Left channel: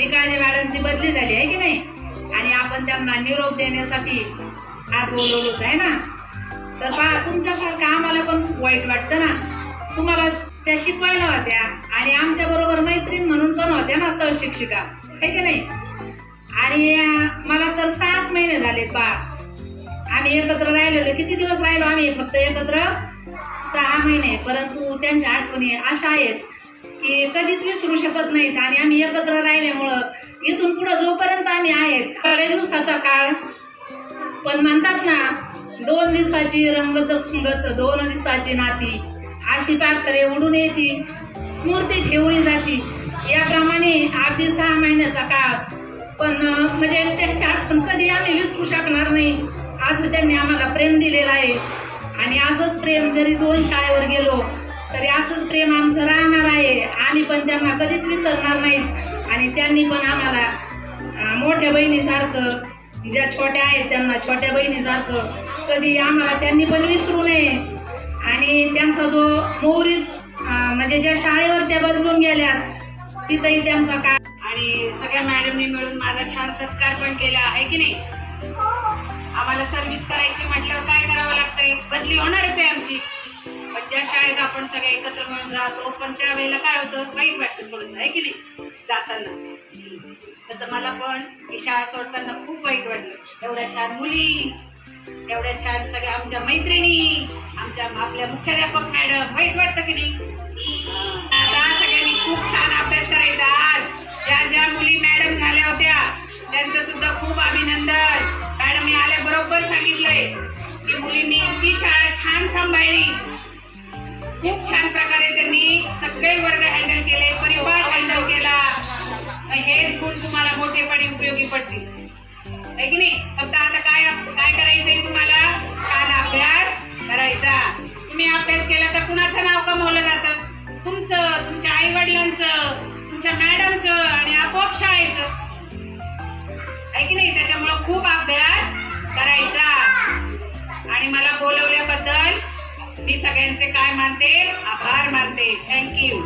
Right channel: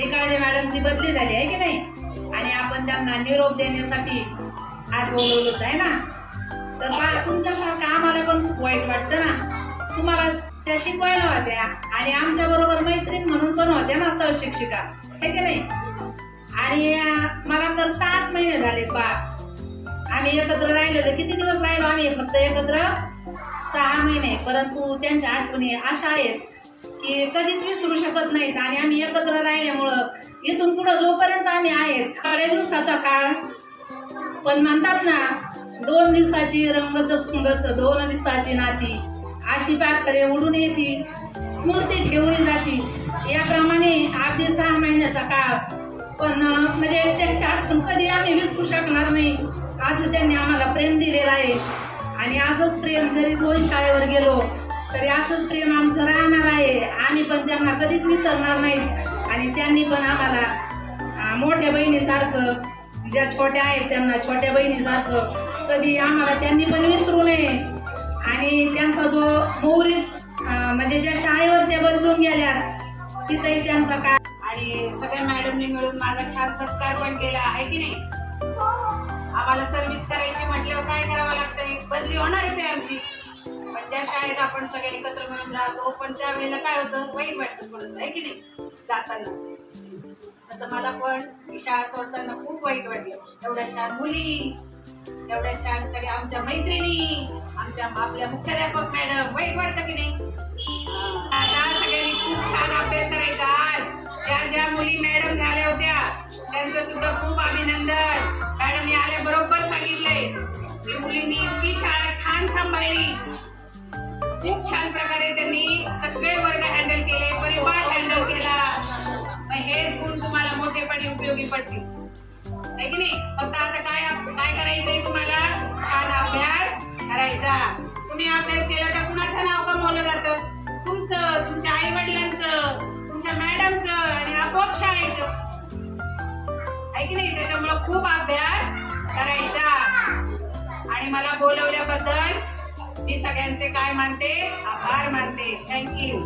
निकाळे मॅडमची बदली झाली आहे की नाही, आणि आपण त्यांना निरोप देण्यासाठी आज बोलवलोच आहे ना. तर तुमच्यासारखं आम्हाला पण खूप वाईट वाटतं ना. तुम्हाला त्या शिकवायला होत्या आणि आमच्या बरोबर मैत्रीण म्हणून पण होत्या ना सहशिक्षिका, आहे की नाही. आणि मला तर 7 महिने झालेत बा आम्ही एकत्र राहिलेलो. किती दिवस राहिलो आम्ही फक्त एकत्र? 6 महिने. परंतु त्यांच्या आठवणी अशा आहेत की कधीच विसरू शकत नाहीत. आणि आम्ही एकत्र राहिल्यामुळं इथून पुढे जोपर्यंत आम्ही आहेत, थोड्या दिवसाचा काळ पण म्हणतात ना, 2 दिवसाची रंगत सुंगत 2 दिवसाची नाती, अशी पाखरे उडून येती स्मृती ठेवली जाती. याप्रमाणे अगदी 6 महिन्याचा काळ पण म्हणजे त्यांची आठवण कधी आम्ही विसरू शकणार नाही. असं त्यांनी आम्हाला प्रेम दिलेलं आहे. आणि असंच प्रेम जरी 2 शाळेवर गेलो तरी असंच प्रेम आमचं राहणार आहे. आम्ही पण त्यांना कधीच विसरणार नाही. आणि त्यांनी पण आम्हाला मोठ्या बहिणीसारखं, ज्या छोट्या आहेत त्यांना छोट्या बहिणीसारखं कधी आम्हाला त्यांनी पण विसरू नये. आणि त्यांचा जो मोहरीत म्हणजे ज्या शाळेवर त्या बदलून गेल्या तिथंही त्यांचा काय, आणि सगळ्या मॅडमनी मिळून माझा छान सत्कार पण केला आहे की नाही. आम्हाला सर्व्हिस करायची म्हटल्यावर काय करावं लागतंय, बदली होणारच आहे आमची. पण ज्या शाळेत आपण सगळे एकत्र मिळून राहतो, पण त्यावेळेला काय होतं, वाईट वाटतं थोडंसं, आहे की नाही जाताना. तसं मला पण ही शाळा सोडताना खूप वाईट वाटलं. एवढ्या छान मुली, एवढ्या छान सगळ्या आमच्या मैत्रिणी, आपल्या मुख्याध्यापक मॅडम, वाईट वाटतं की नाही. आता सगळ्यांनी खूप छान अभ्यास करायचा. ज्या मुली मॅडम झाल्या होत्या त्यांचं सुद्धा खूप अभिनंदन. मॅडमने आल्या बरोबर सांगितलंय की मुलींनी इतकी शाळा छान सांभाळली, खूप छान प्रकारे त्यांनी सगळे वर्ग हँडल केले, परिवार हँडल केला. हेच गुण तुम्हाला मोठेपणी उपयोगी पडतील, आहे की नाही. फक्त आता काय करायचंय तुम्हाला, छान अभ्यास करायचा. तुम्ही अभ्यास केला तर कुणाचं नाव कमवलं जातं, तुमचं, तुमच्या आई वडिलांचं, तुमच्या मॅडमचं आणि आपोआप शाळेचं, आहे की नाही. त्याच्यामुळं खूप अभ्यास करायचा. आणि मला बोलवल्याबद्दल मी सगळ्यांचे काय मानते, आभार मानते. थँक्यू.